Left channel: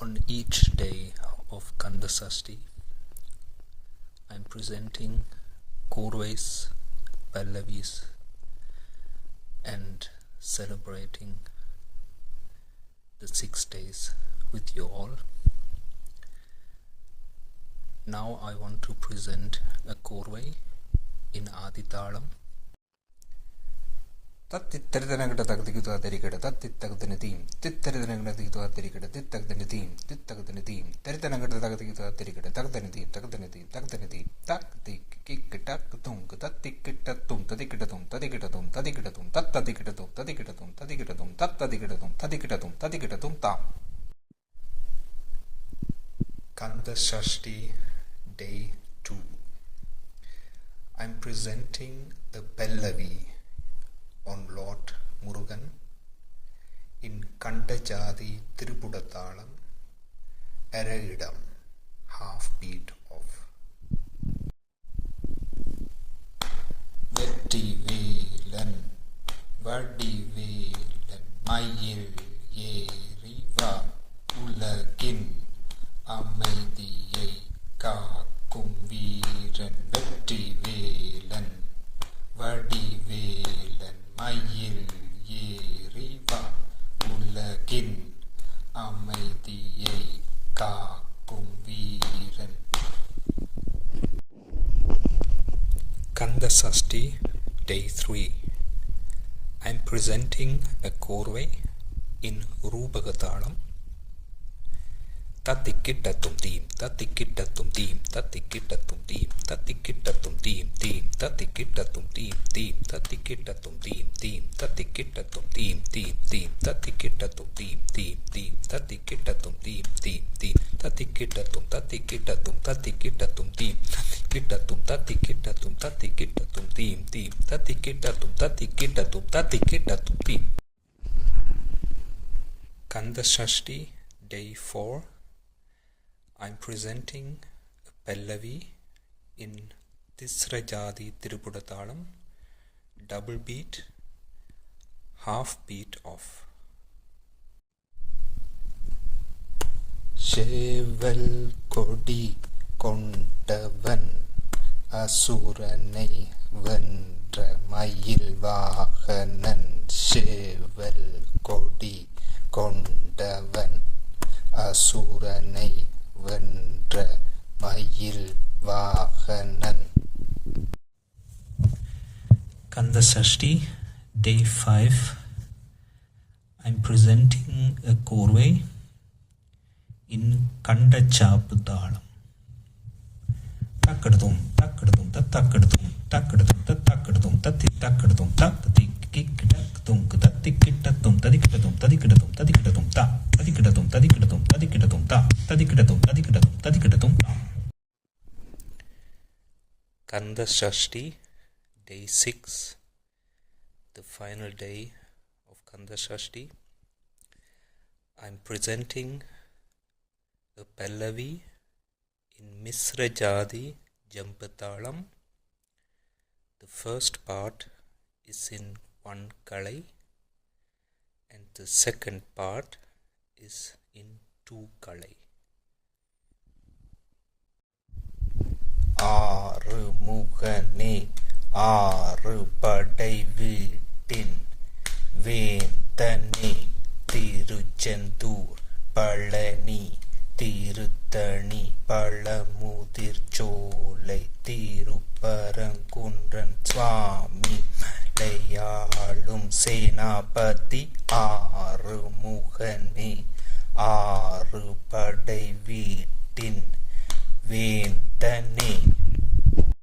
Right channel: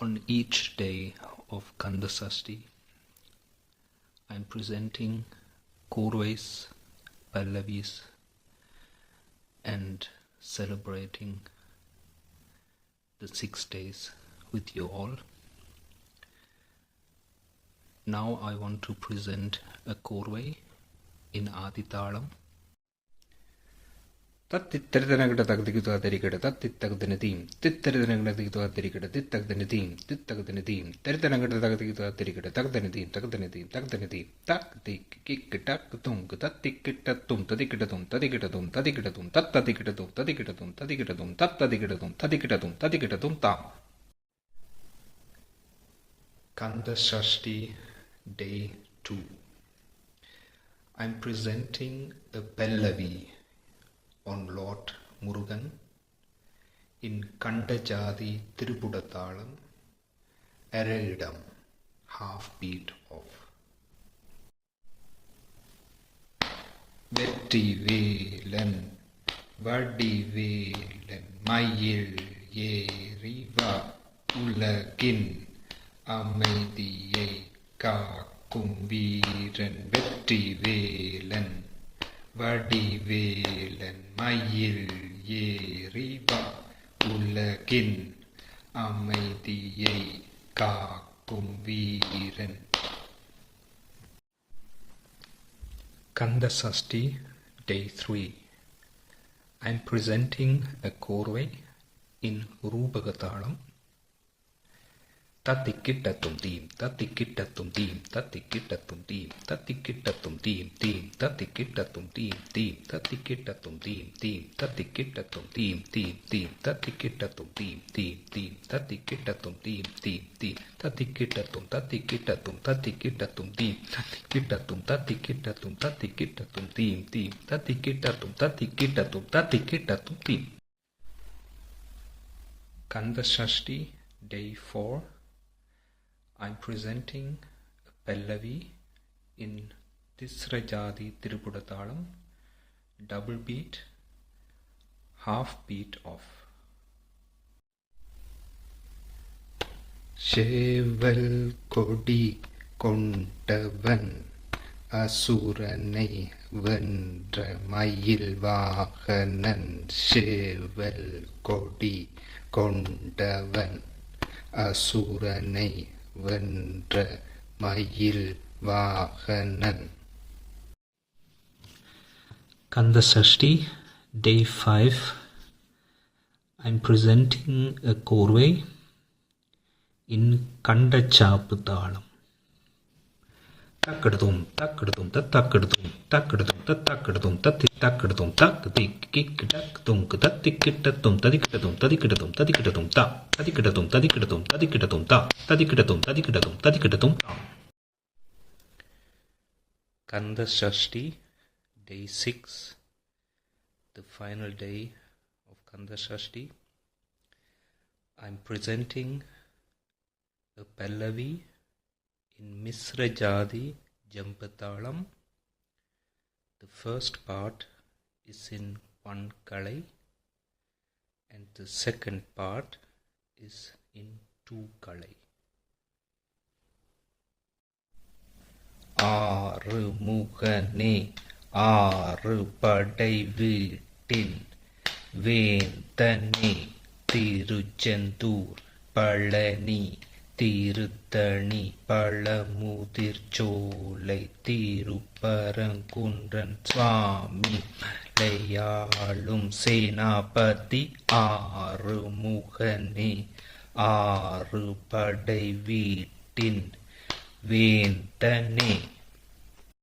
On each day of Kanda Sashti, I am presenting Korvais, Pallavis and celebrating the 6 days with you all. Now I want to present a Korvai in Adithalam. தத்தித்தரிதனகிட்ட தகுதிக்குதா தெரிகிட தத்தித்தகுதின தீம் தித்தரிதனகிட்ட தகுதிக்குதா தெரிகிட தித்தகுதின தீம் தித்தகுதின தீம் தரிதனகிட்ட தகுதிக்குதா தெரிகிட தகுதின தீம் தகுதின தீம் தகுதின தீம் தக் திக் கிக் டக் துங்கு தத்திக்கிட்டத்தும் ததிக்கிட்டதும் ததிக்கிட்டதும் ததிக்கிட்டதும் தத்ததிக்கிட்டதும் ததிக்கிட்டதும் ததிக்கிட்டதும் தத்ததிக்கிட்டதும் ததிக்கிட்டதும் ததிக்கிட்டதும் தாம். Kanda Sashti Day 2. I am presenting a Pallavi on Lord Murugan in Kandajadi Tirupudatalam, Eredam, half beat of. Vetti Velan, Vadi Velan, Mayil Yeriva, Ulagin, Amaidiyai, Kakum Veeran, Vetti Velan, Vadi Velan, மயில் ஏறிவா உலகின் அமைதியை காக்கும் வீரன். Kanda Sashti Day 3. I am presenting a Korvai in Rupagatalam. தத்திக்கிட்டத்தும் தீம் தத்திக்கிட்டத்தும் தீம் தத்திக்கிட்டத்தும் தீம் தத்திக்கிட்டத்தும் தீம் தீம் தத்திக்கிட்டத்தும் தீம் தீம் தத்திக்கிட்டத்தும் தீம் தீம் தத்திக்கிட்டத்தும் தீம் தீம் தீம் தத்திக்கிட்டத்தும் தீம் தீம் தீம் தத்திக்கிட்டத்தும் தீம் தீம் தீம் தத்திக்கிட்டத்தும் தத்திக்கிட்டத்தும் தத்திக்கிட்டத்தும் தீம் தத்திக்கிட்டத்தும் தத்திக்கிட்டத்தும் தத்திக்கிட்டத்தும் தீம் தீம் தத்திக்கிட்டத்தும் தத்திக்கிட்டத்தும் தத்திக்கிட்டத்தும் தீம். Kanda Sashti Day 4. I am presenting a Pallavi in Tisrajadi Tirupudatalam, double beat, half beat off. சேவல் கொடி கொண்டவன் அசுரனை வென்ற மயில் வாகனன். சேவல் கொடி கொண்டவன் அசுரனை வென்ற மயில் வாகனன். Kanda Sashti Day 5. I am presenting a Korvai in Kandachaputhalam. Takkadum takkadum takkadum takkadum takkadum takkadum takkadum கிக்கிட்டத்தும் தத்திக்கிட்டத்தும் ததிக்கிட்டதும் ததிக்கிட்டதும் ததிக்கிட்டதும் தா ததிக்கிட்டதும் ததிக்கிட்டதும் ததிக்கிட்டதும் தா ததிக்கிட்டதும் ததிக்கிட்டதும் ததிக்கிட்டதும் தா. Kanda Sashti Day 6. The final day of Kanda Sashti. I am presenting a Pallavi in Misrajadi Jampathalam. The first part is in one kalai and the second part is in 2 kalai. ஆறு முகனே ஆறு படை வீட்டின் வேந்தனே திருச்செந்தூர் பழனி திருத்தணி பழமுதிர் சோலை திருப்பரங்குன்றன் சுவாமி லையாளும் சேனாபதி ஆறு முகனே ஆறு படை வீட்டின் வேந்தனே